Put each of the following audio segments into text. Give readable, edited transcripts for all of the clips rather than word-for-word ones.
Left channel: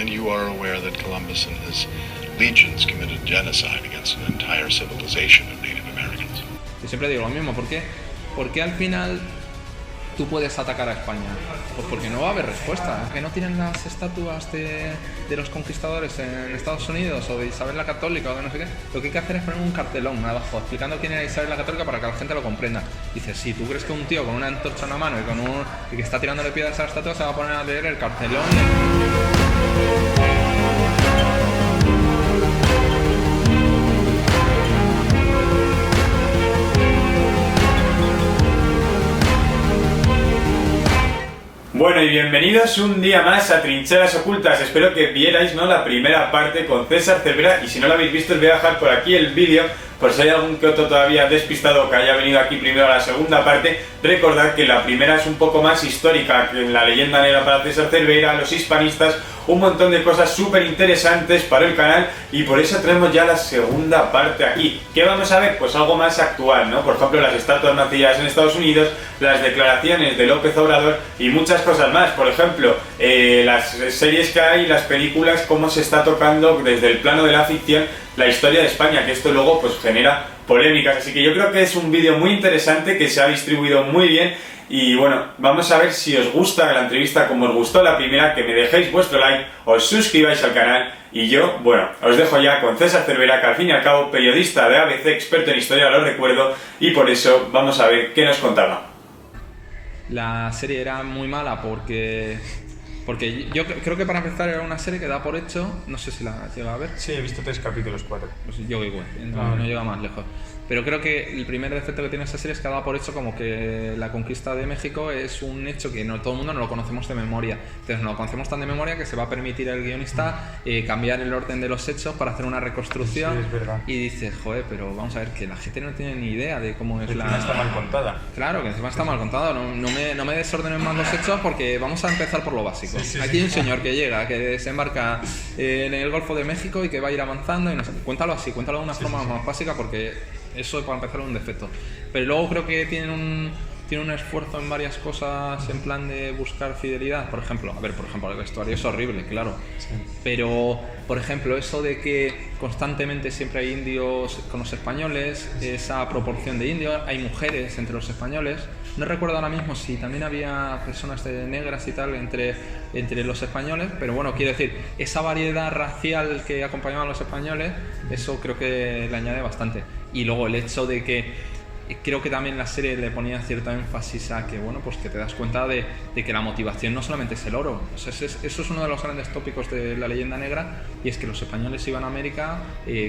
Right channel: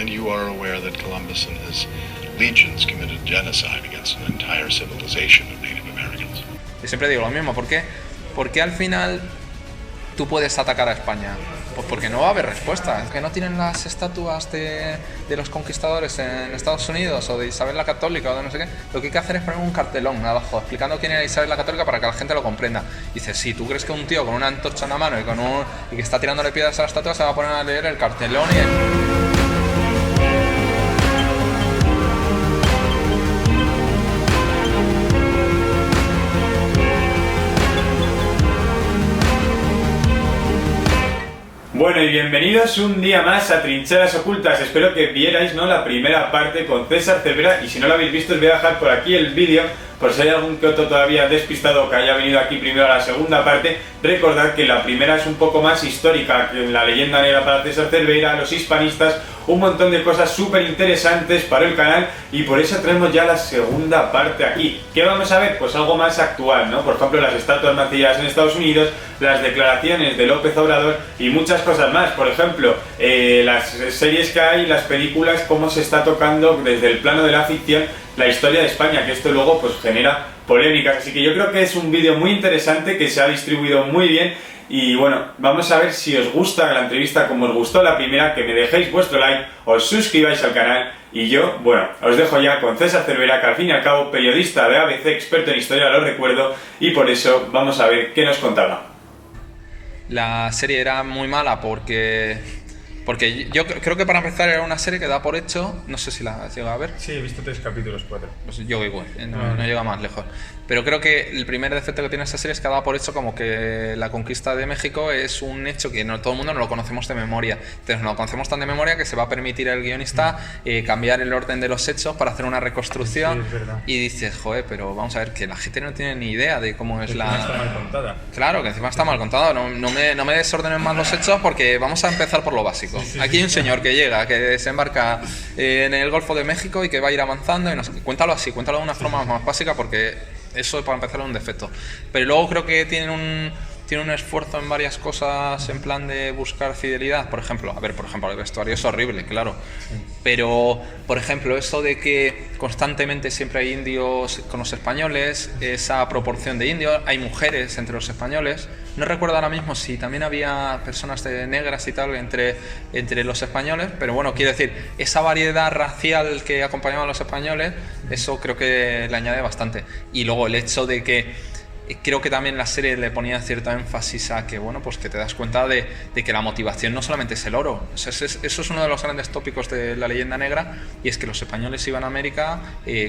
And you are aware that Columbus and his legions committed genocide against an entire civilization of Native Americans. Yo siempre digo lo mismo, ¿por qué? Porque al final tú puedes atacar a España. Pues porque no va a haber respuesta. Que no tienen las estatuas de los conquistadores en Estados Unidos o de Isabel la Católica o de no sé qué. Lo que hay que hacer es poner un cartelón abajo explicando quién era Isabel la Católica para que la gente lo comprenda. Dices, si tú crees que un tío con una antorcha en la mano y que está tirándole piedras a la estatua se va a poner a leer el cartelón Bueno, y bienvenidos un día más a Trincheras Ocultas. Espero que vierais, ¿no?, la primera parte con César Cervera, y si no lo habéis visto os voy a dejar por aquí el vídeo, por si hay algún que otro todavía despistado que haya venido aquí primero a la segunda parte. Recordad que la primera es un poco más histórica, que en la leyenda negra para César Cervera, los hispanistas, un montón de cosas súper interesantes para el canal, y por eso traemos ya la segunda parte aquí. ¿Qué vamos a ver? Pues algo más actual, ¿no? Por ejemplo, las estatuas macilladas en Estados Unidos, las declaraciones de López Obrador y muchas cosas más. Por ejemplo, las series que hay, las películas, cómo se está tocando desde el plano de la ficción la historia de España, que esto luego pues genera polémicas. Así que yo creo que es un vídeo muy interesante, que se ha distribuido muy bien. Y bueno, vamos a ver si os gusta la entrevista como os gustó la primera, que me dejéis vuestro like, os suscribáis al canal, y yo, bueno, os dejo ya con César Cervera, que al fin y al cabo, periodista de ABC, experto en historia, lo recuerdo, y por eso vamos a ver qué nos contaba. La serie era muy mala porque yo creo que para empezar era una serie que da por hecho, no sé si la has llegado a ver. Sí, he visto 3 capítulos, 4. Pues yo igual, no llega más lejos. Pero creo que el primer defecto que tiene esta serie es que da por hecho como que la conquista de México es un hecho que no todo el mundo no lo conocemos de memoria. Entonces no lo conocemos tan de memoria que se va a permitir al guionista cambiar el orden de los hechos para hacer una reconstrucción. Sí, es verdad. Y dices, joder, pero vamos a ver, que la gente no tiene ni idea de cómo es Encima está mal contada. Claro, que encima está mal contada. No me desordenen más los hechos, porque vamos a empezar por lo básico. Aquí hay un señor que llega, que desembarca en el Golfo de México y que va a ir avanzando y no sé, cuéntalo así, cuéntalo de una forma más básica, porque eso para empezar es un defecto. Pero luego creo que tiene un esfuerzo en varias cosas en plan de buscar fidelidad. Por ejemplo, el vestuario es horrible, claro. Sí. Pero, por ejemplo, eso de que constantemente siempre hay indios con los españoles, esa proporción de indios, hay mujeres entre los españoles. No recuerdo ahora mismo si también había personas negras y tal entre los españoles, pero bueno, quiero decir, esa variedad racial que acompañaba a los españoles, eso creo que le añade bastante. Y luego el hecho de que creo que también la serie le ponía cierto énfasis a que, bueno, pues que te das cuenta de que la motivación no solamente es el oro. O sea, eso es uno de los grandes tópicos de la leyenda negra, y es que los españoles iban a América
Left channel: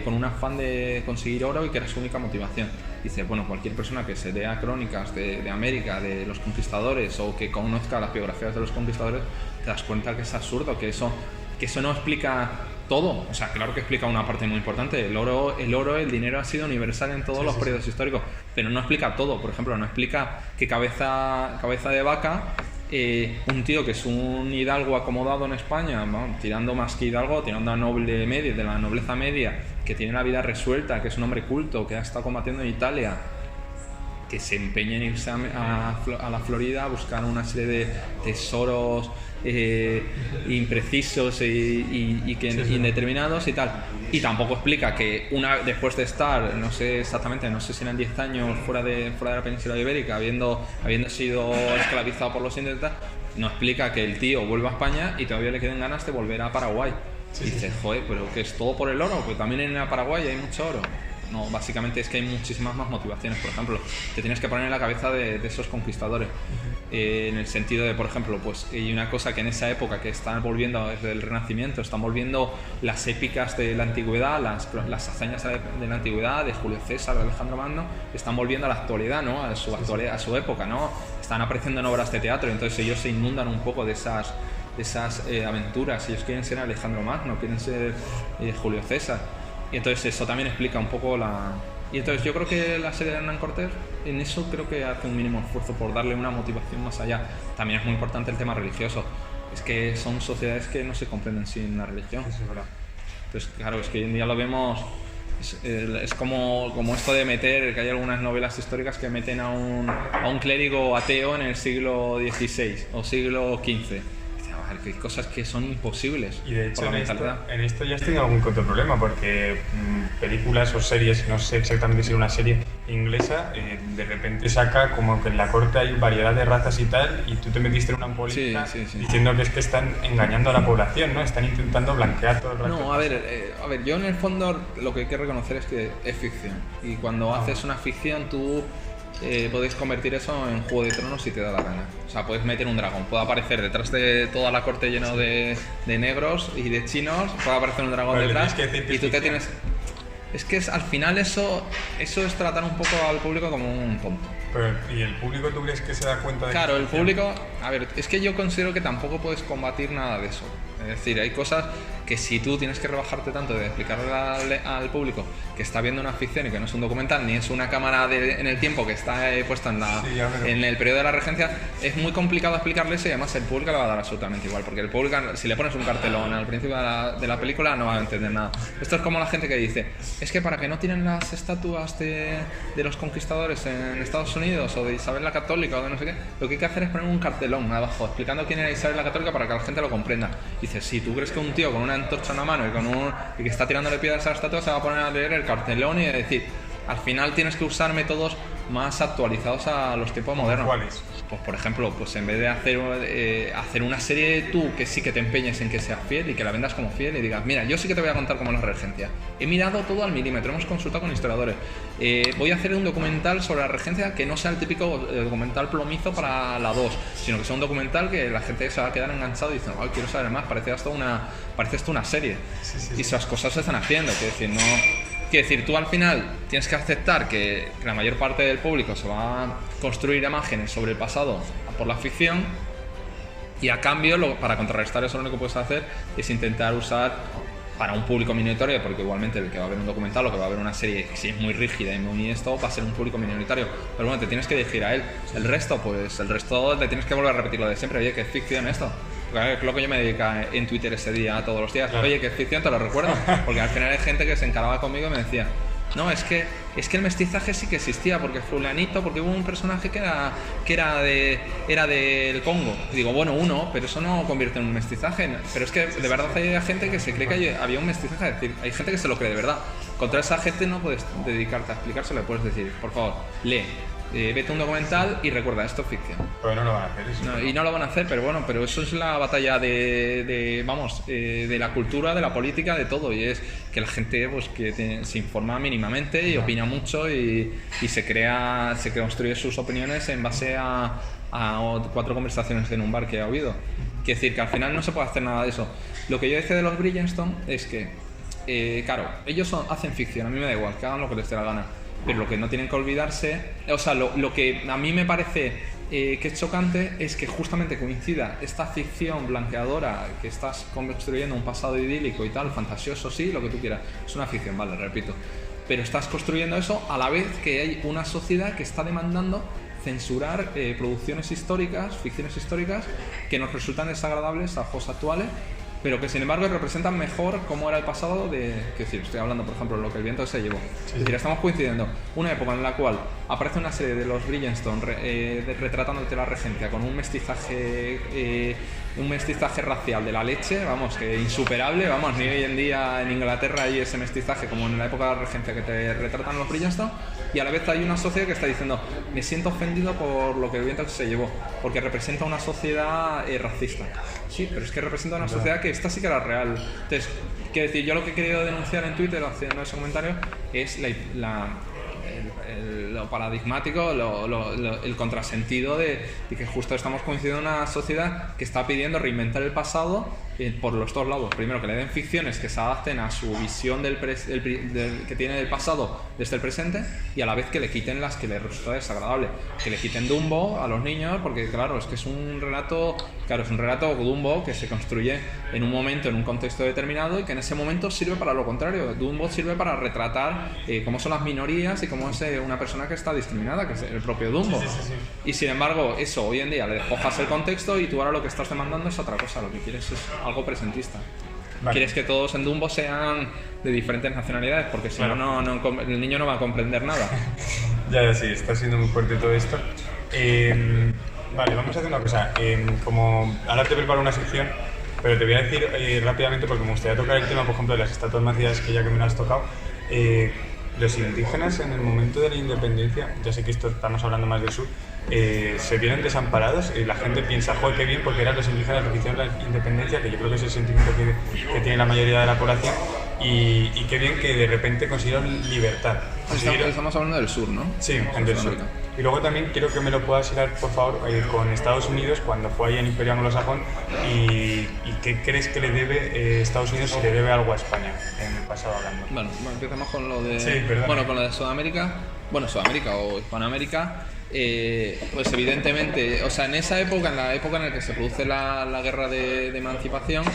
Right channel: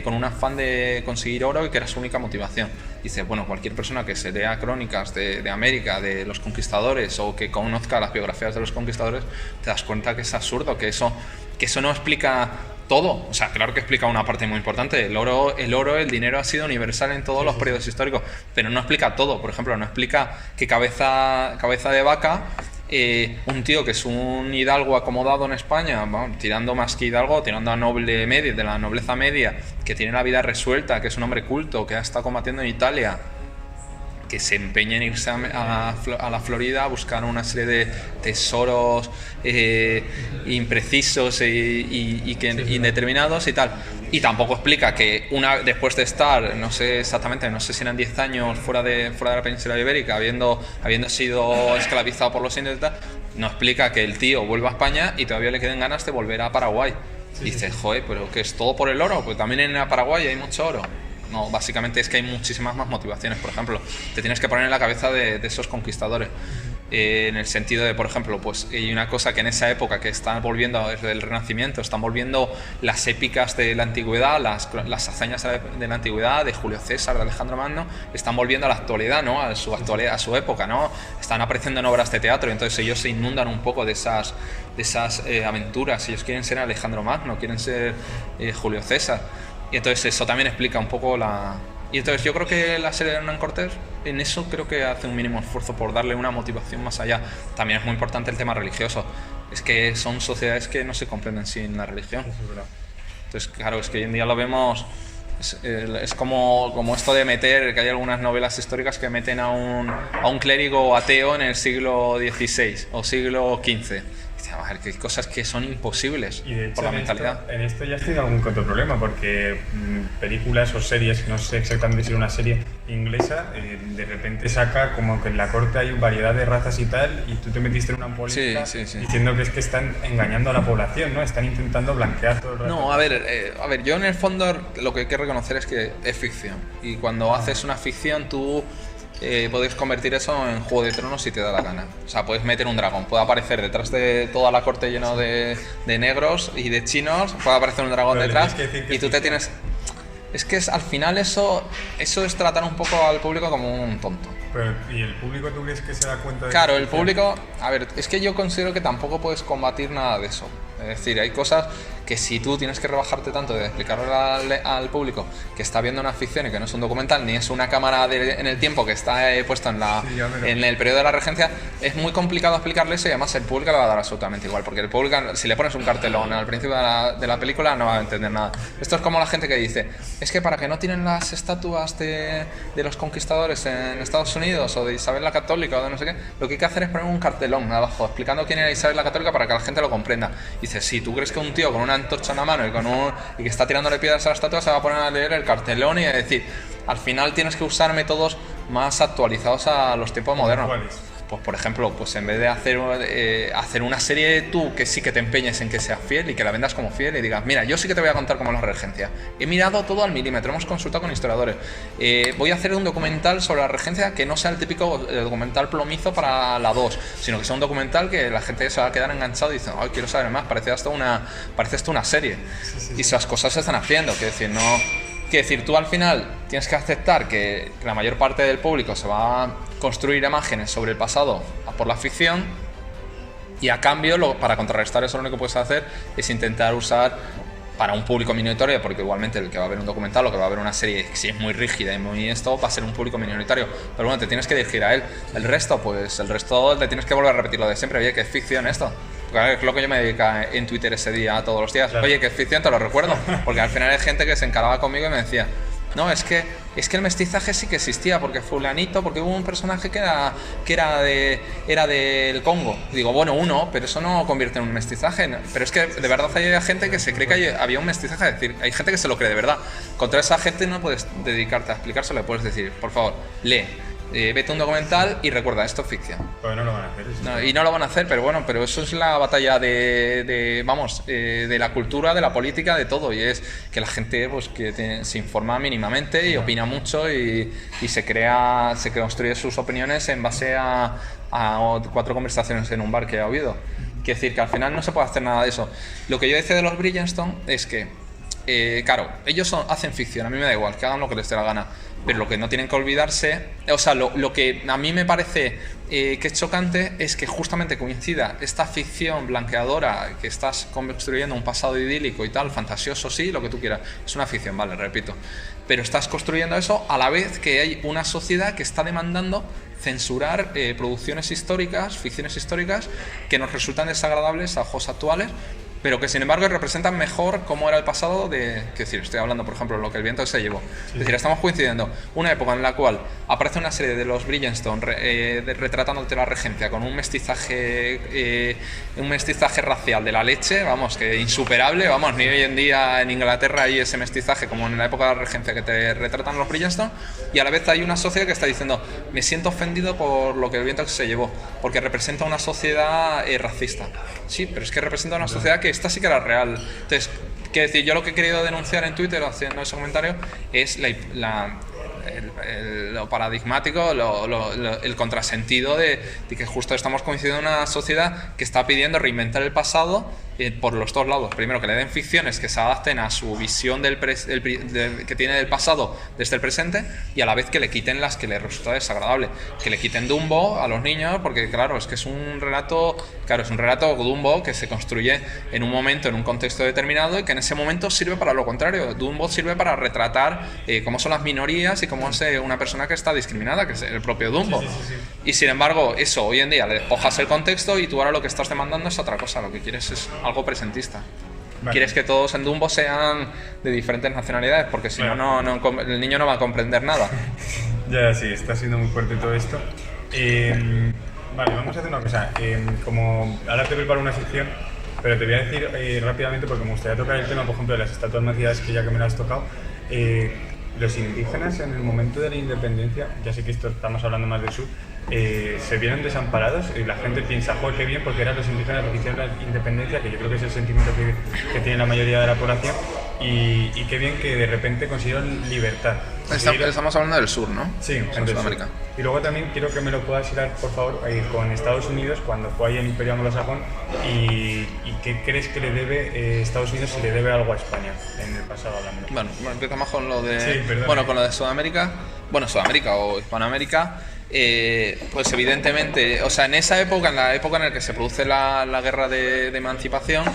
con un afán de conseguir oro y que era su única motivación. Dice, bueno, cualquier persona que se lea crónicas de América, de los conquistadores, o que conozca las biografías de los conquistadores, te das cuenta que es absurdo, que eso no explica todo. O sea, claro que explica una parte muy importante. El dinero ha sido universal en todos los periodos históricos, pero no explica todo. Por ejemplo, no explica que cabeza de vaca, un tío que es un hidalgo acomodado en España, bueno, tirando más que hidalgo, tirando a noble media, de la nobleza media, que tiene la vida resuelta, que es un hombre culto, que ha estado combatiendo en Italia, que se empeña en irse a la Florida a buscar una serie de tesoros imprecisos y indeterminados y tal. Y tampoco explica que después de estar, no sé exactamente, no sé si eran 10 años fuera de la península ibérica, habiendo sido esclavizado por los indios y tal, no explica que el tío vuelva a España y todavía le queden ganas de volver a Paraguay. Dices, joder, pero que es todo por el oro, pues también en Paraguay hay mucho oro. No, básicamente es que hay muchísimas más motivaciones. Por ejemplo, te tienes que poner en la cabeza de esos conquistadores, en el sentido de, por ejemplo, pues hay una cosa que en esa época que están volviendo desde el Renacimiento, están volviendo las épicas de la antigüedad, las hazañas de la antigüedad, de Julio César, de Alejandro Magno, están volviendo a la actualidad, ¿no? A su época, ¿no? Están apareciendo en obras de teatro, entonces ellos se inundan un poco de esas aventuras. Ellos quieren ser Alejandro Magno, quieren ser Julio César. Y entonces eso también explica un poco Y entonces yo creo que la serie de Hernán Cortés, en eso creo que hace un mínimo esfuerzo por darle una motivación más allá. También es muy importante el tema religioso. Es que son sociedades que no se comprenden sin la religión. Eso es verdad. Entonces, claro, es que hoy en día lo vemos... Es como esto de meter, que hay algunas novelas históricas que meten a un clérigo ateo en el siglo XVI o siglo XV. ver, que hay cosas que son imposibles Y de por hecho la en mentalidad. esto ya has tenido algún que otro problema, porque películas o series, no sé exactamente si era una serie inglesa, de repente saca como que en la corte hay variedad de razas y tal, y tú te metiste en una polémica Sí. diciendo que es que están engañando a la población, ¿no? Están intentando blanquear todo el rato. No, a ver, yo en el fondo lo que hay que reconocer es que es ficción. Y cuando haces una ficción, tú puedes convertir eso en Juego de Tronos si te da la gana. O sea, puedes meter un dragón, puede aparecer detrás de toda la corte lleno de negros y de chinos, puede aparecer un dragón Pero le detrás tienes que decir que y tú es te ficción. tienes... Es que al final eso es tratar un poco al público como un tonto. Pero, ¿y el público tú crees que se da cuenta de Claro, que el es ficción? público, a ver, es que yo considero que tampoco puedes combatir nada de eso. Es decir, hay cosas que si tú tienes que rebajarte tanto de explicarle al público que está viendo una ficción y que no es un documental, ni es una cámara en el tiempo que está puesta Sí, ya veo. en el periodo de la regencia, es muy complicado explicarle eso y además el público le va a dar absolutamente igual, porque el público, si le pones un cartelón al principio de la película, no va a entender nada. Esto es como la gente que dice, es que para que no tienen las estatuas de los conquistadores en Estados Unidos o de Isabel la Católica o de no sé qué, lo que hay que hacer es poner un cartelón abajo explicando quién era Isabel la Católica para que la gente lo comprenda. Y dices, si tú crees que un tío con una antorcha en la mano y que está tirándole piedras a la estatua se va a poner a leer el cartelón y a decir, al final tienes que usar métodos más actualizados a los tiempos modernos. ¿Cuáles? Pues por ejemplo, pues en vez de hacer una serie tú que sí que te empeñes en que seas fiel y que la vendas como fiel y digas, mira, yo sí que te voy a contar cómo es la regencia. He mirado todo al milímetro, hemos consultado con historiadores. Voy a hacer un documental sobre la regencia que no sea el típico documental plomizo para la 2, sino que sea un documental que la gente se va a quedar enganchado y dice, ay, quiero saber más, parece esto una serie. Y esas cosas se están haciendo, quiero decir, no... Quiero decir, tú al final tienes que aceptar que la mayor parte del público se va a construir imágenes sobre el pasado por la ficción y a cambio, para contrarrestar eso lo único que puedes hacer es intentar usar para un público minoritario, porque igualmente el que va a ver un documental o que va a ver una serie, si es muy rígida y muy esto, va a ser un público minoritario. Pero bueno, te tienes que dirigir a él. El resto le tienes que volver a repetir lo de siempre. Oye, que es ficción esto. Porque es lo que yo me dedica en Twitter ese día todos los días. Claro. Oye, que es ficción, te lo recuerdo. Porque al final hay gente que se encaraba conmigo y me decía, no, es que el mestizaje sí que existía, porque fulanito, porque hubo un personaje que era del Congo. Digo, bueno, pero eso no convierte en un mestizaje. Pero es que de verdad hay gente que se cree que había un mestizaje, es decir, hay gente que se lo cree de verdad. Contra esa gente no puedes dedicarte a explicárselo, le puedes decir, por favor, lee. Vete a un documental y recuerda, esto es ficción. Pues no lo van a hacer eso. No, y no lo van a hacer, pero bueno, pero eso es la batalla de la cultura, de la política, de todo, y es que la gente pues se informa mínimamente y opina mucho y se construye sus opiniones en base a 4 conversaciones en un bar que ha habido. Quiere decir que al final no se puede hacer nada de eso. Lo que yo decía de los Bridgerton es que claro, ellos hacen ficción, a mí me da igual, que hagan lo que les dé la gana, pero lo que no tienen que olvidarse, o sea, lo que a mí me parece que es chocante es que justamente coincida esta ficción blanqueadora, que estás construyendo un pasado idílico y tal, fantasioso, sí, lo que tú quieras, es una ficción, vale, repito, pero estás construyendo eso a la vez que hay una sociedad que está demandando censurar producciones históricas, ficciones históricas que nos resultan desagradables a ojos actuales, pero que sin embargo representan mejor cómo era el pasado es decir, estoy hablando por ejemplo de lo que el viento se llevó. Es decir, estamos coincidiendo una época en la cual aparece una serie de los Bridgerton retratándote la regencia con un mestizaje racial de la leche, vamos, que insuperable, vamos, ni hoy en día en Inglaterra hay ese mestizaje como en la época de la regencia que te retratan los Bridgerton, y a la vez hay una sociedad que está diciendo, me siento ofendido por lo que el viento se llevó, porque representa una sociedad racista. Sí, pero es que representa una sociedad que esta sí que era real. Entonces, quiero decir, yo lo que he querido denunciar en Twitter haciendo ese comentario es lo paradigmático, el contrasentido de que justo estamos coincidiendo en una sociedad que está pidiendo reinventar el pasado por los dos lados. Primero, que le den ficciones que se adapten a su visión que tiene del pasado desde el presente, y a la vez que le quiten las que le resulta desagradable. Que le quiten Dumbo a los niños, porque claro, es que es un relato Dumbo que se construye en un momento, en un contexto determinado, y que en ese momento sirve para lo contrario. Dumbo sirve para retratar cómo son las minorías y cómo es una persona que está discriminada, que es el propio Dumbo. Sí. Y sin embargo, eso hoy en día le despojas el contexto y tú ahora lo que estás demandando es otra cosa. Lo que quieres es algo presentista. Vale. Quieres que todos en Dumbo sean de diferentes nacionalidades, porque si Claro. no, el niño no va a comprender nada. Ya, sí, está siendo muy fuerte todo esto. Vale, vamos a hacer una cosa. Como ahora te preparo una sección, pero te voy a decir rápidamente, porque me gustaría tocar el tema, por ejemplo, de las estatuas macías, que ya que me lo has tocado. Los indígenas en el momento de la independencia, ya sé que esto estamos hablando más del sur, se vieron desamparados y la gente piensa, joder, qué bien, porque eran los indígenas los que hicieron la independencia, que yo creo que es el sentimiento que tiene la mayoría de la población, y qué bien que de repente consiguieron libertad. Estamos hablando del sur, ¿no? Sí, del sur. Y luego también quiero que me lo puedas hilar, por favor, con Estados Unidos, cuando fue ahí en Imperio Anglosajón, y qué crees que le debe Estados Unidos, si le debe algo a España en el pasado hablando. Bueno, empezamos con lo de... Sí, bueno, con lo de Sudamérica. Bueno, Sudamérica o Hispanoamérica. Pues evidentemente, o sea, en esa época, en la época en la que se produce la guerra de emancipación,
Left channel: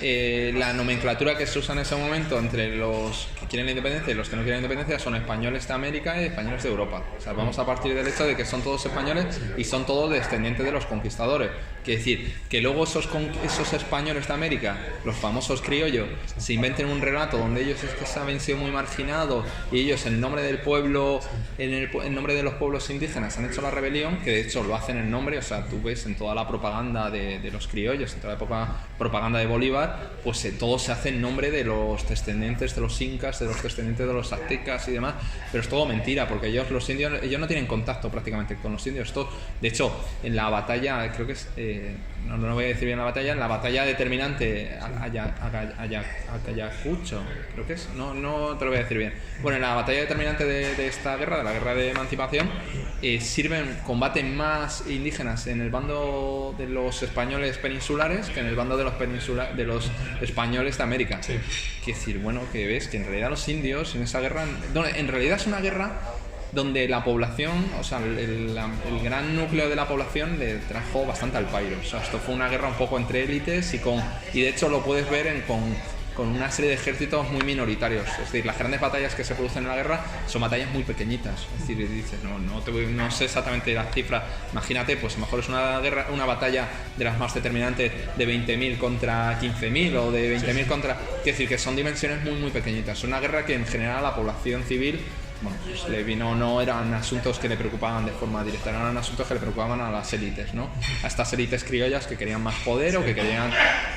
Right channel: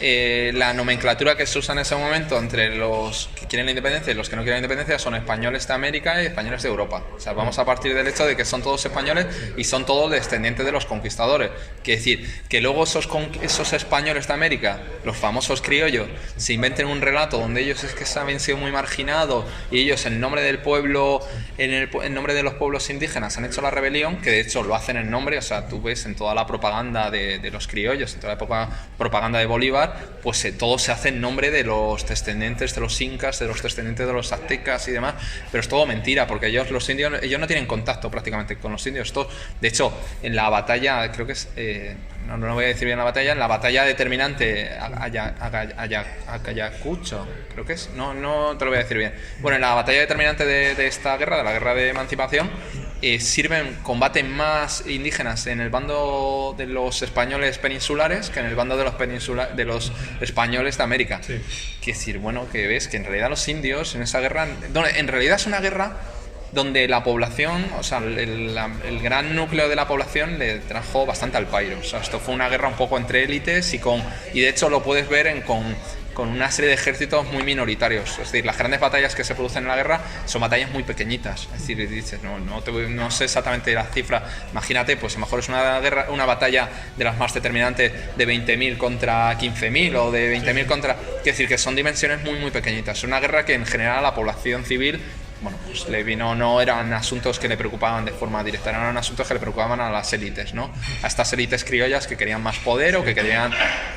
la nomenclatura que se usa en ese momento entre los que quieren la independencia y los que no quieren la independencia son españoles de América y españoles de Europa. O sea, vamos a partir del hecho de que son todos españoles y son todos descendientes de los conquistadores. Quiere decir, que luego esos españoles de América, los famosos criollos, se inventen un relato donde ellos es que se habían sido muy marginados y ellos en nombre del pueblo, en nombre de los pueblos indígenas han hecho la rebelión, que de hecho lo hacen en nombre, o sea, tú ves en toda la propaganda de los criollos, en toda la propaganda de Bolívar, pues todo se hace en nombre de los descendientes de los incas, de los descendientes de los aztecas y demás, pero es todo mentira, porque los indios no tienen contacto prácticamente con los indios. De hecho, en la batalla, creo que es, no voy a decir bien la batalla, en la batalla determinante Ayacucho, creo que es, no te lo voy a decir bien. Bueno, en la batalla determinante de esta guerra, de la guerra de emancipación, combaten más indígenas en el bando de los españoles peninsulares que en el bando de los españoles de América. Sí. Quiere decir, bueno, que ves que en realidad los indios en esa guerra, en realidad es una guerra donde la población, o sea, el gran núcleo de la población le trajo bastante al pairo. O sea, esto fue una guerra un poco entre élites y de hecho lo puedes ver con una serie de ejércitos muy minoritarios. Es decir, las grandes batallas que se producen en la guerra son batallas muy pequeñitas. Es decir, dices, no sé exactamente la cifra. Imagínate, pues a lo mejor es una batalla de las más determinantes de 20.000 contra 15.000 o de 20.000 contra... Es decir, que son dimensiones muy, muy pequeñitas. Es una guerra que en general a la población civil, bueno, pues no eran asuntos que le preocupaban de forma directa, eran asuntos que le preocupaban a las élites, ¿no? A estas élites criollas que querían más poder o que querían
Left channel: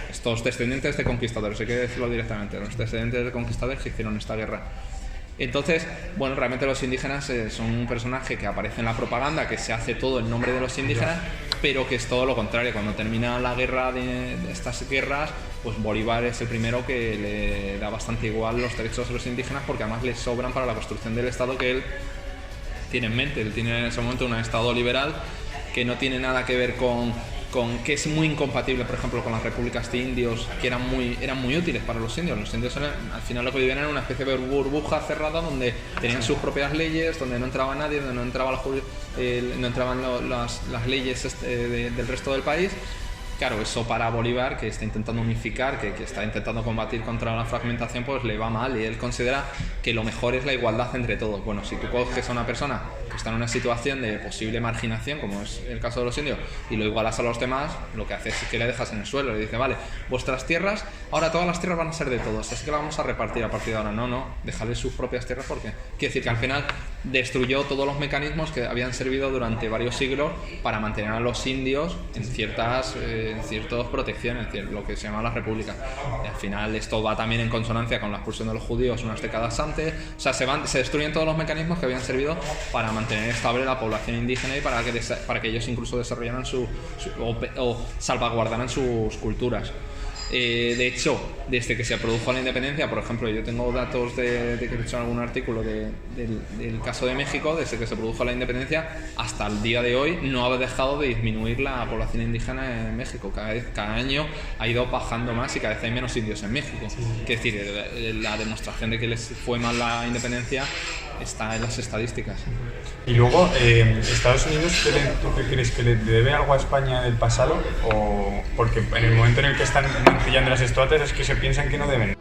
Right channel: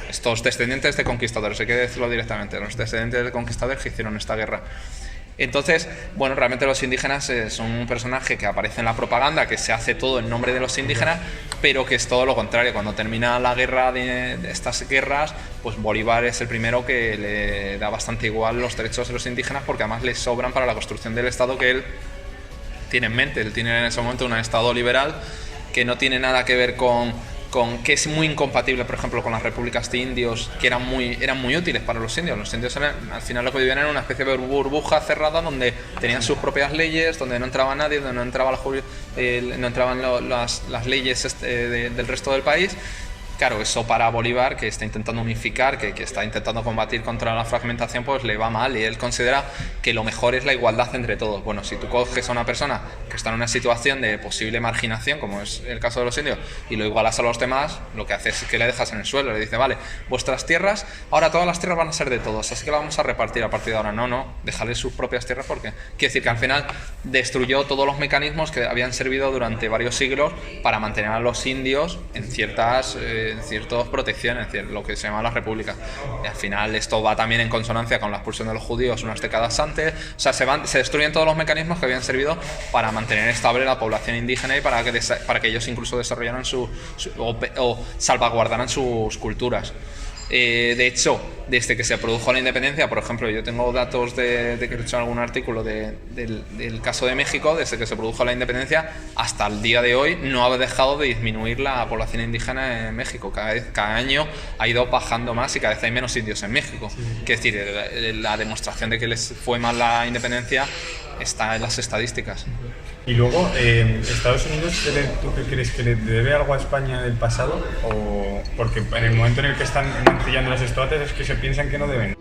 estos descendientes de conquistadores, hay que decirlo directamente, los descendientes de conquistadores que hicieron esta guerra. Entonces, bueno, realmente los indígenas son un personaje que aparece en la propaganda, que se hace todo en nombre de los indígenas, pero que es todo lo contrario. Cuando termina la guerra de estas guerras, pues Bolívar es el primero que le da bastante igual los derechos de los indígenas, porque además le sobran para la construcción del Estado que él tiene en mente. Él tiene en ese momento un Estado liberal que no tiene nada que ver con que es muy incompatible, por ejemplo, con las repúblicas de indios, que eran muy útiles para los indios. Los indios al final lo que vivían era una especie de burbuja cerrada donde tenían sus propias leyes, donde no entraba nadie, donde no entraban las leyes del resto del país. Claro, eso para Bolívar, que está intentando unificar, que está intentando combatir contra la fragmentación, pues le va mal, y él considera que lo mejor es la igualdad entre todos. Bueno, si tú coges a una persona que está en una situación de posible marginación, como es el caso de los indios, y lo igualas a los demás, lo que haces es que le dejas en el suelo, le dices, vale, vuestras tierras, ahora todas las tierras van a ser de todos, así que las vamos a repartir a partir de ahora. No, déjales sus propias tierras, porque quiere decir que al final destruyó todos los mecanismos que habían servido durante varios siglos para mantener a los indios en ciertas protecciones, lo que se llama las repúblicas. Y al final esto va también en consonancia con la expulsión de los judíos unas décadas antes. O sea, se destruyen todos los mecanismos que habían servido para mantener estable la población indígena y para que ellos incluso desarrollaran o salvaguardaran sus culturas. De hecho, desde que se produjo la independencia, por ejemplo, yo tengo datos de que he hecho algún artículo del caso de México. Desde que se produjo la independencia hasta el día de hoy no ha dejado de disminuir la población indígena en México. Cada año ha ido bajando más y cada vez hay menos indios en México. Es decir, la demostración de que les fue mal la independencia está en las estadísticas. Y luego, ¿Estados Unidos tú qué crees que le debe algo a España del pasado? O porque en el momento en el que están mancillando las estatuas es que se piensan que no deben.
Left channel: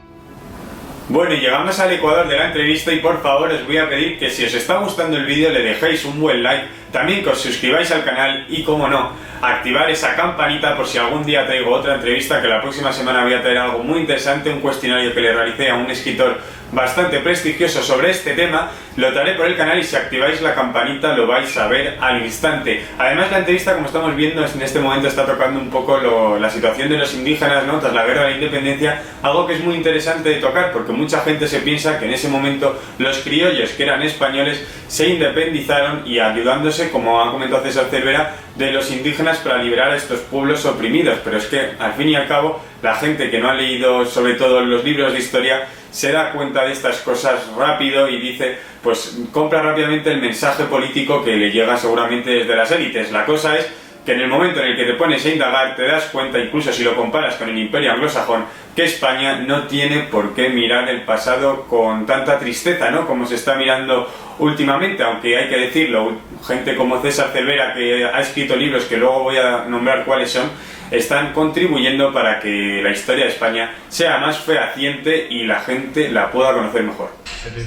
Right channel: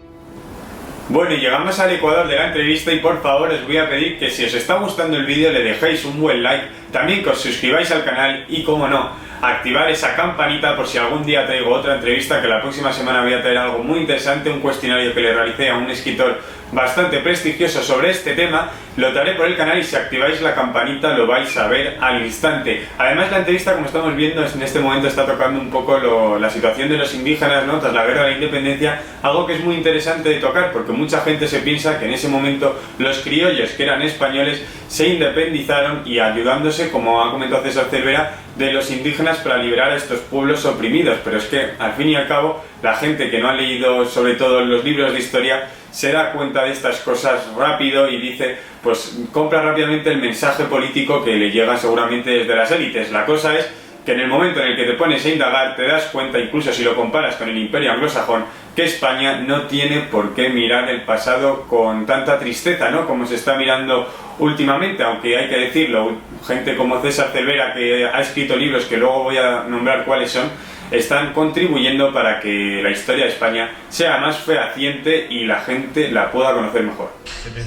Bueno, y llegamos al ecuador de la entrevista y por favor os voy a pedir que si os está gustando el vídeo le dejéis un buen like, también que os suscribáis al canal y, como no, activar esa campanita por si algún día traigo otra entrevista, que la próxima semana voy a traer algo muy interesante, un cuestionario que le realicé a un escritor bastante prestigioso sobre este tema. Lo traeré por el canal y si activáis la campanita lo vais a ver al instante. Además, la entrevista, como estamos viendo, en este momento está tocando un poco la situación de los indígenas, ¿no?, tras la guerra de la independencia, algo que es muy interesante de tocar porque mucha gente se piensa que en ese momento los criollos, que eran españoles, se independizaron y ayudándose, como ha comentado César Cervera, de los indígenas para liberar a estos pueblos oprimidos. Pero es que, al fin y al cabo, la gente que no ha leído sobre todo los libros de historia se da cuenta de estas cosas rápido y dice, pues compra rápidamente el mensaje político que le llega seguramente desde las élites. La cosa es que en el momento en el que te pones a indagar te das cuenta, incluso si lo comparas con el Imperio anglosajón, que España no tiene por qué mirar el pasado con tanta tristeza, ¿no?, como se está mirando últimamente, aunque hay que decirlo, gente como César Cervera, que ha escrito libros que luego voy a nombrar cuáles son, están contribuyendo para que la historia de España sea más fehaciente y la gente la pueda conocer mejor.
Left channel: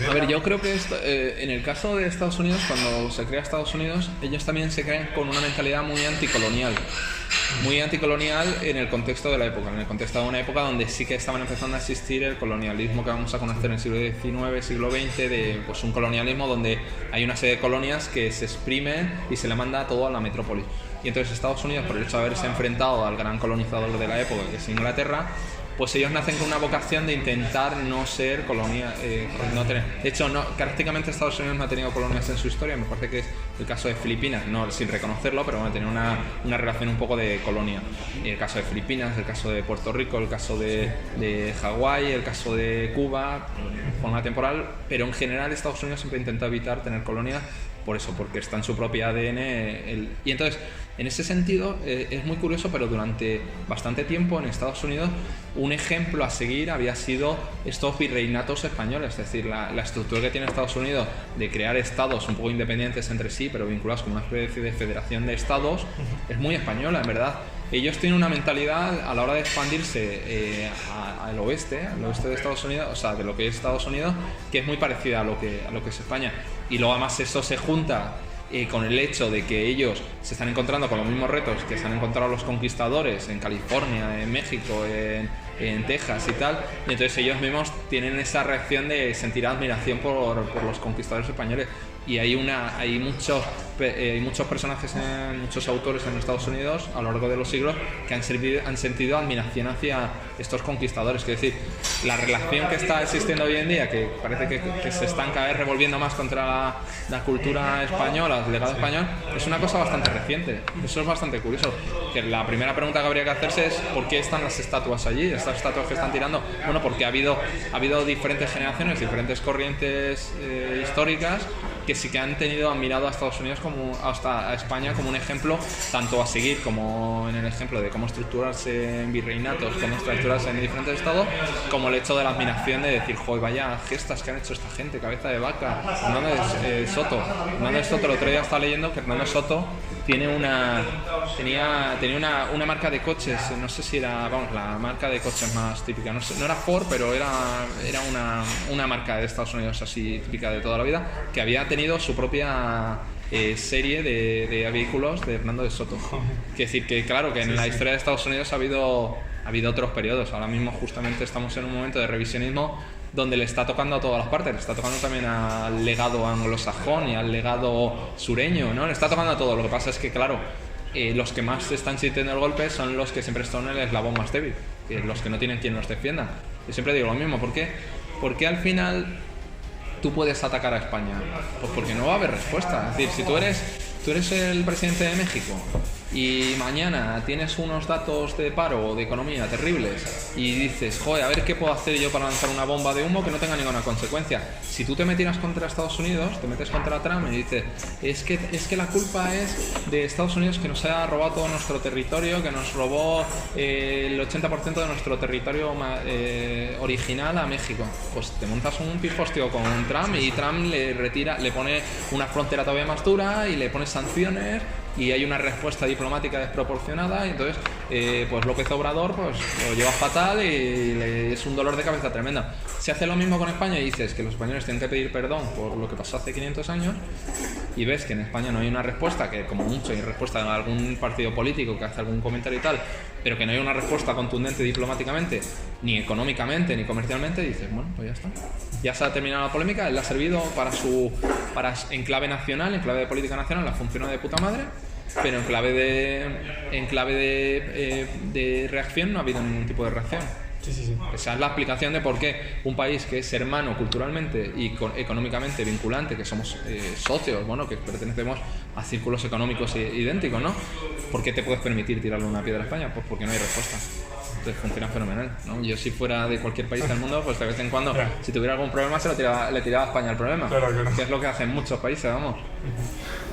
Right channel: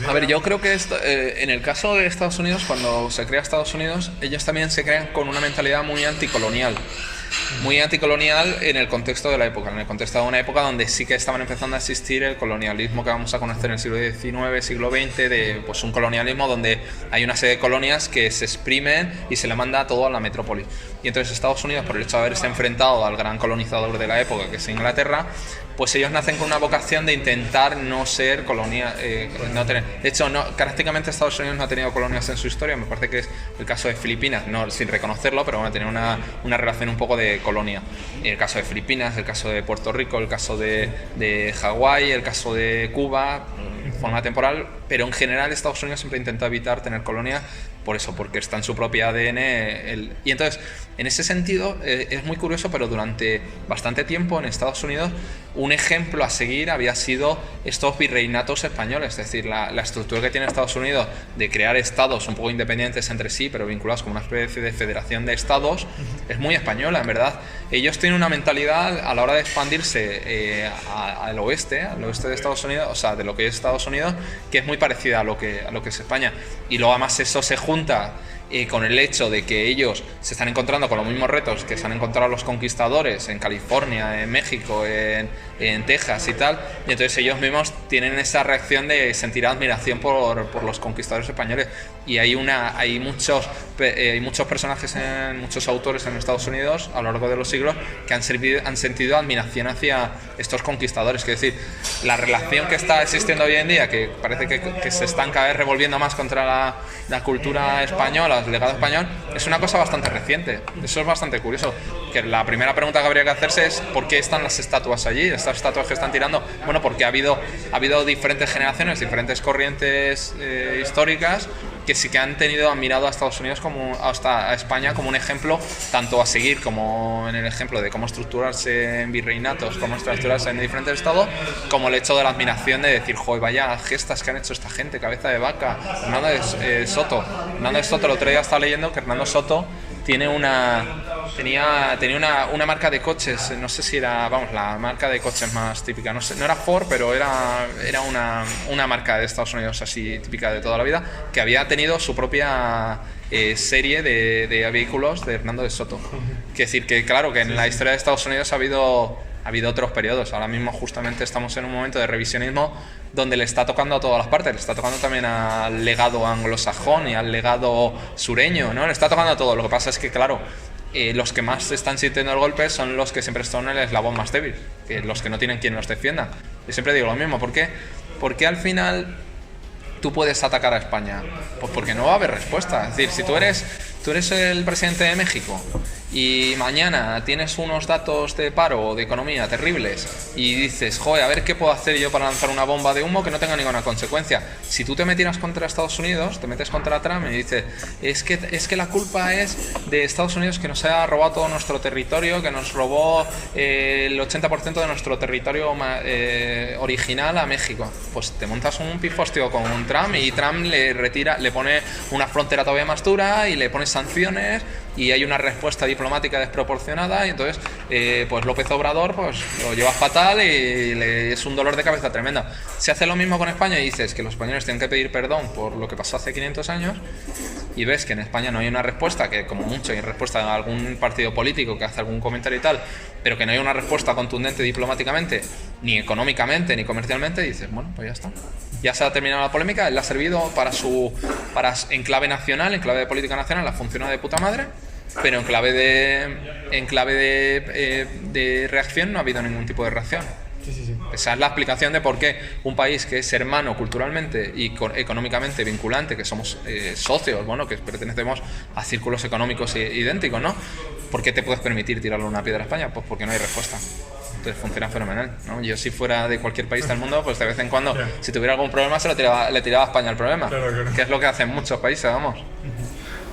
A ver, yo creo que en el caso de Estados Unidos, cuando se crea Estados Unidos, ellos también se crean con una mentalidad muy anticolonial. Muy anticolonial en el contexto de la época, en el contexto de una época donde sí que estaban empezando a existir el colonialismo que vamos a conocer en el siglo XIX, siglo XX, de pues un colonialismo donde hay una serie de colonias que se exprimen y se le manda todo a la metrópoli. Y entonces Estados Unidos, por el hecho de haberse enfrentado al gran colonizador de la época, que es Inglaterra, pues ellos nacen con una vocación de intentar no ser colonia, no tener. De hecho, prácticamente Estados Unidos no ha tenido colonias en su historia. Me parece que es el caso de Filipinas, no sin reconocerlo, pero bueno, tiene una relación un poco de colonia. El caso de Filipinas, el caso de Puerto Rico, el caso de Hawái, el caso de Cuba, de forma temporal, pero en general Estados Unidos siempre intenta evitar tener colonias por eso, porque está en su propio ADN. Y entonces, en ese sentido, es muy curioso, pero durante bastante tiempo en Estados Unidos un ejemplo a seguir había sido estos virreinatos españoles, es decir, la estructura que tiene Estados Unidos de crear estados un poco independientes entre sí, pero vinculados con una especie de federación de estados, es muy española, en verdad. Ellos tienen una mentalidad a la hora de expandirse al oeste de Estados Unidos, o sea, de lo que es Estados Unidos, que es muy parecida a lo que es España. Y luego además eso se junta con el hecho de que ellos se están encontrando con los mismos retos que se han encontrado los conquistadores en California, en México, en Texas y tal, y entonces ellos mismos tienen esa reacción de sentir admiración por los conquistadores españoles. Y hay muchos personajes, muchos autores en Estados Unidos a lo largo de los siglos que han sentido admiración hacia estos conquistadores. Es decir, la relación que está existiendo hoy en día, que parece que se están cada vez revolviendo más contra la cultura española, el legado español, es una cosa bastante reciente. Eso es bastante curioso. Que la primera pregunta que habría que hacerse es ¿por qué están las estatuas allí? Estas estatuas que están tirando, bueno, porque ha habido diferentes generaciones, diferentes corrientes históricas que sí que han admirado a Estados Unidos hasta a España como un ejemplo tanto a seguir, como en el ejemplo de cómo estructurarse en virreinatos, cómo estructurarse en diferentes estados, como el hecho de la admiración de decir, joder, vaya gestas que han hecho esta gente, cabeza de vaca. Hernández Soto, el otro día estaba leyendo que Hernando Soto tenía una marca de coches, no sé si era, la marca de coches más típica, no era Ford, pero era una marca de Estados Unidos así típica de toda la vida, que había tenido su propia serie de vehículos de Hernando de Soto. Es decir, que claro, que en la historia de Estados Unidos ha habido otros periodos. Ahora mismo justamente estamos en un momento de revisionismo donde le está tocando a todas las partes, le está tocando también al legado anglosajón y al legado sureño, ¿no? Le está tocando a todo. Lo que pasa es que, claro, los que más están sintiendo el golpe son los que siempre están en el eslabón más débil, que los que no tienen quien los defienda. Yo siempre digo lo mismo, ¿por qué? Porque al final tú puedes atacar a España, pues porque no va a haber respuesta. Es decir, si tú eres el presidente de México y mañana tienes unos datos de paro o de economía terribles y dices, joder, a ver qué puedo hacer yo para lanzar una bomba de humo que no tenga ninguna consecuencia. Si tú te metieras contra Estados Unidos, te metes contra Trump y dices, es que la culpa es de Estados Unidos, que nos ha robado todo nuestro territorio, que nos robó el 80% de nuestro territorio original a México. Pues te montas un pifostio con un Trump y Trump le pone una frontera todavía más dura y le pone sanciones y hay una respuesta diplomática desproporcionada y entonces pues López Obrador pues lo lleva fatal y es un dolor de cabeza tremendo. Se hace lo mismo con España y dices que los españoles tienen que pedir perdón por lo que pasó hace 500 años y ves que en España no hay una respuesta, que como mucho hay respuesta a algún partido político que hace algún comentario y tal, pero que no hay una respuesta contundente diplomáticamente, ni económicamente, ni comercialmente, y dices, bueno, pues ya está. Ya se ha terminado la polémica, él le ha servido en clave nacional, en clave de política nacional, ha funcionado de puta madre, pero en clave de reacción no ha habido ningún tipo de reacción. Sí. Esa es la explicación de por qué un país que es hermano culturalmente y económicamente vinculante, que somos socios, bueno, que pertenecemos a círculos económicos idénticos, ¿no? ¿Por qué te puedes permitir tirarle una piedra a España? Pues porque no hay respuesta. Entonces funciona fenomenal, ¿no? Yo si fuera de cualquier país del mundo, pues de vez en cuando, si tuviera algún problema, le tiraba a España el problema. Claro. Que es lo que hacen muchos países, vamos.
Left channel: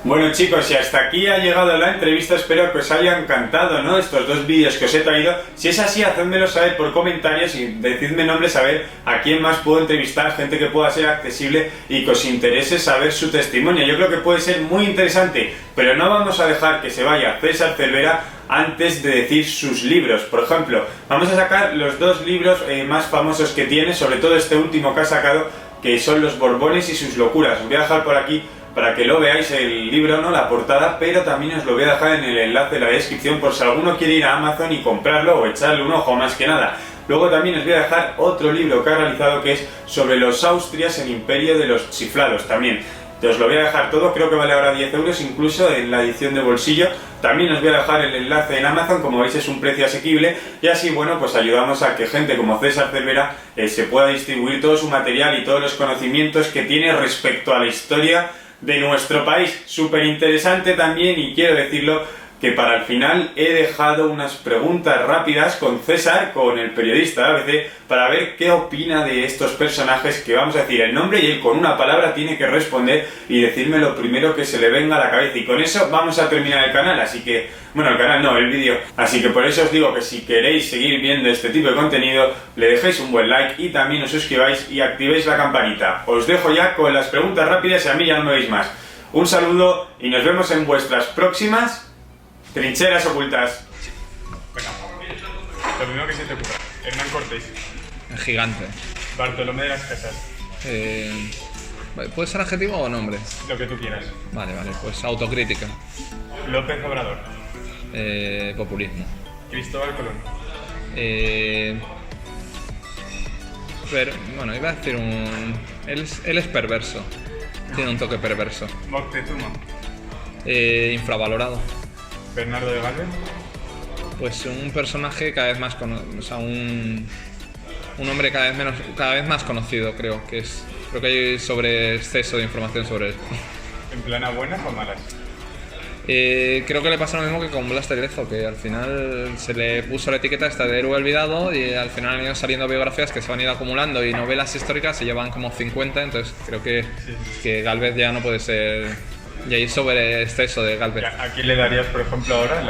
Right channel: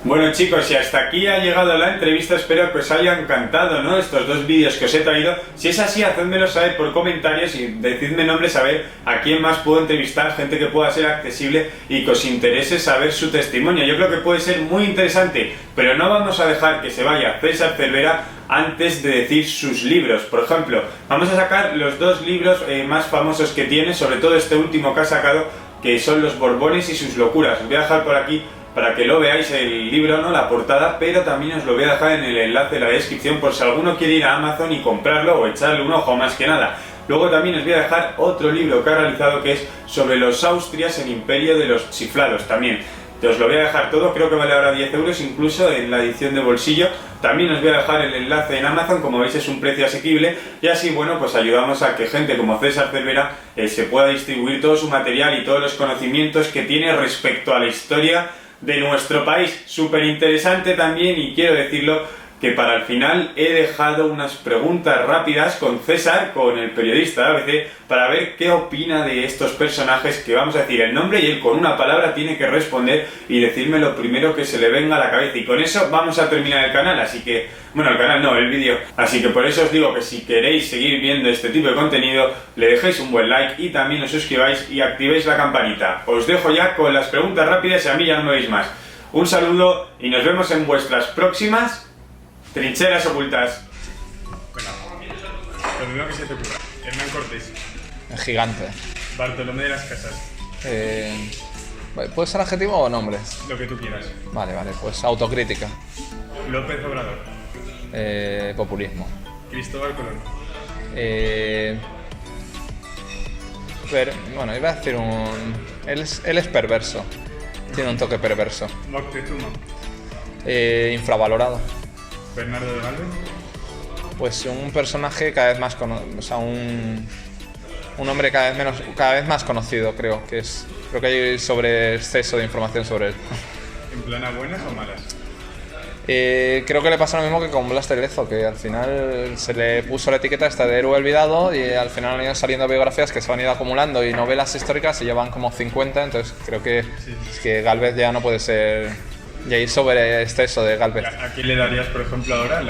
Bueno chicos, y hasta aquí ha llegado la entrevista, espero que os haya encantado, ¿no? Estos 2 vídeos que os he traído. Si es así, hacedmelo saber por comentarios y decidme nombres a ver a quién más puedo entrevistar, gente que pueda ser accesible y que os interese saber su testimonio. Yo creo que puede ser muy interesante, pero no vamos a dejar que se vaya César Cervera antes de decir sus libros. Por ejemplo, vamos a sacar los 2 libros más famosos que tiene, sobre todo este último que ha sacado, que son Los Borbones y sus locuras. Os voy a dejar por aquí para que lo veáis el libro, ¿no? La portada, pero también os lo voy a dejar en el enlace de la descripción por si alguno quiere ir a Amazon y comprarlo o echarle un ojo, más que nada. Luego también os voy a dejar otro libro que ha realizado que es sobre los Austrias, el imperio de los chiflados también. Os lo voy a dejar todo, creo que vale ahora 10 euros incluso en la edición de bolsillo. También os voy a dejar el enlace en Amazon, como veis es un precio asequible y así, bueno, pues ayudamos a que gente como César Cervera se pueda distribuir todo su material y todos los conocimientos que tiene respecto a la historia de nuestro país. Súper interesante también, y quiero decirlo, que para el final he dejado unas preguntas rápidas con César, con el periodista de ABC, para ver qué opina de estos personajes, que vamos a decir el nombre y él con una palabra tiene que responder y decirme lo primero que se le venga a la cabeza, y con eso vamos a terminar el canal. Así que, bueno, el canal no, el vídeo. Así que por eso os digo que si queréis seguir viendo este tipo de contenido, le dejéis un buen like y también os suscribáis y activéis la campanita. Os dejo ya con las preguntas rápidas y a mí ya no me veis más. Un saludo y nos vemos en vuestras próximas Trincheras Ocultas. Bueno, lo primero que se te ocurra. Hernán Cortés. Gigante. Bartolomé de las Casas. ¿Puede ser adjetivo o nombres? Lo que tú quieras. Vale, pues autocrítica. López Obrador. Populismo. Cristóbal Colón. Bueno, iba a decir él es perverso. Tiene un toque perverso. Moctezuma. Infravalorado. Bernardo de Galvez. Pues un personaje cada vez más un hombre cada vez más conocido, creo que hay sobre exceso de información sobre él. ¿En plana buenas o malas? Creo que le pasa lo mismo que con Blas de Lezo, que al final se le puso la etiqueta esta de héroe olvidado y al final han ido saliendo biografías que se van a ir acumulando y novelas históricas y llevan como 50, entonces creo que Gálvez ya no puede ser. Y ahí sobre exceso de Gálvez. ¿A quién le darías, por ejemplo, ahora?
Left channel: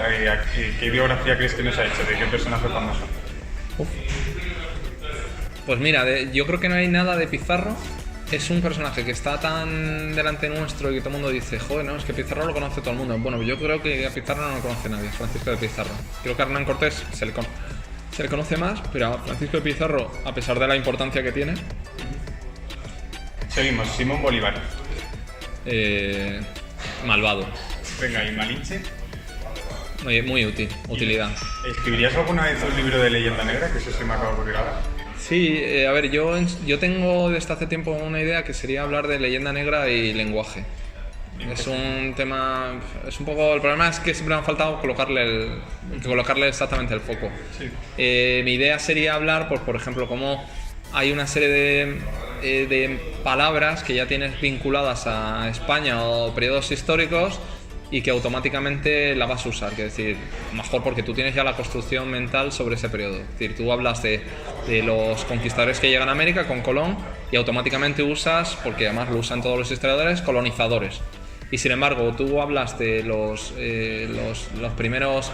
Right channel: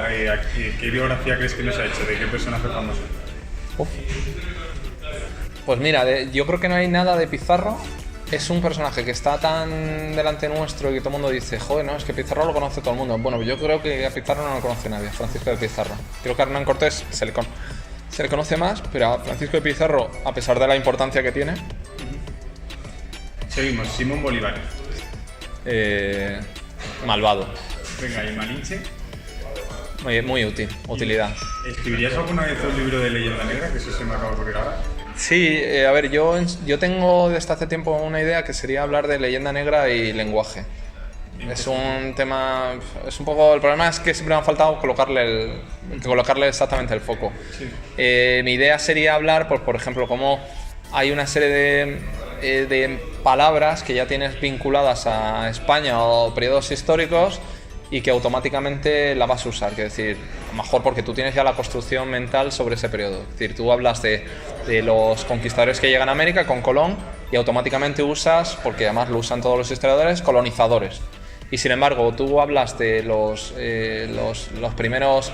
¿Qué biografía crees que nos ha hecho? ¿De qué personaje famoso? Pues mira, yo creo que no hay nada de Pizarro. Es un personaje que está tan delante nuestro y que todo el mundo dice, joder, no, es que Pizarro lo conoce todo el mundo. Bueno, yo creo que a Pizarro no lo conoce nadie, Francisco de Pizarro. Creo que a Hernán Cortés se le conoce más, pero a Francisco de Pizarro, a pesar de la importancia que tiene... Seguimos, Simón Bolívar. Malvado. Venga, ¿y Malinche? Muy útil, utilidad. ¿Escribirías alguna vez un libro de leyenda negra? Que eso se me acaba de ocurrir ahora. Sí, a ver, yo tengo desde hace tiempo una idea que sería hablar de leyenda negra y lenguaje. Es un tema, es un poco, el problema es que siempre me ha faltado colocarle exactamente el foco. Sí. Mi idea sería hablar, por ejemplo, cómo hay una serie de palabras que ya tienes vinculadas a España o periodos históricos y que automáticamente la vas a usar, que es decir, mejor porque tú tienes ya la construcción mental sobre ese periodo. Es decir, tú hablas de los conquistadores que llegan a América con Colón y automáticamente usas, porque además lo usan todos los historiadores, colonizadores. Y sin embargo, tú hablas de los primeros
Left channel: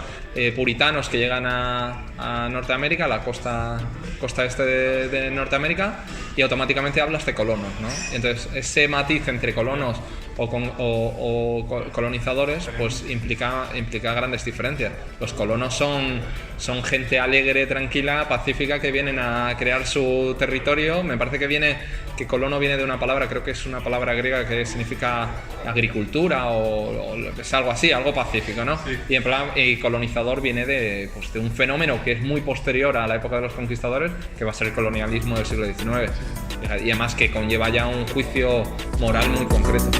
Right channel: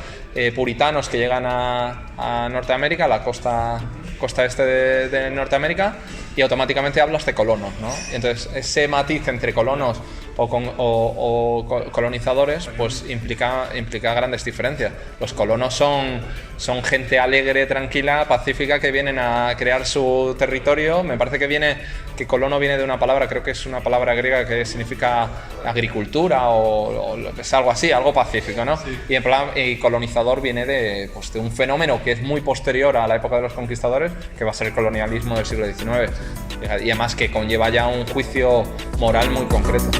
puritanos que llegan a Norteamérica, a la costa costa este de Norteamérica, y automáticamente hablas de colonos, ¿no? Entonces, ese matiz entre colonos o colonizadores, pues implica grandes diferencias. Los colonos son gente alegre, tranquila, pacífica, que vienen a crear su territorio. Me parece que colono viene de una palabra, creo que es una palabra griega que significa agricultura o es algo así, algo pacífico, ¿no? Sí. Y colonizador viene de un fenómeno que es muy posterior a la época de los conquistadores, que va a ser el colonialismo del siglo XIX. Y además que conlleva ya un juicio moral muy concreto.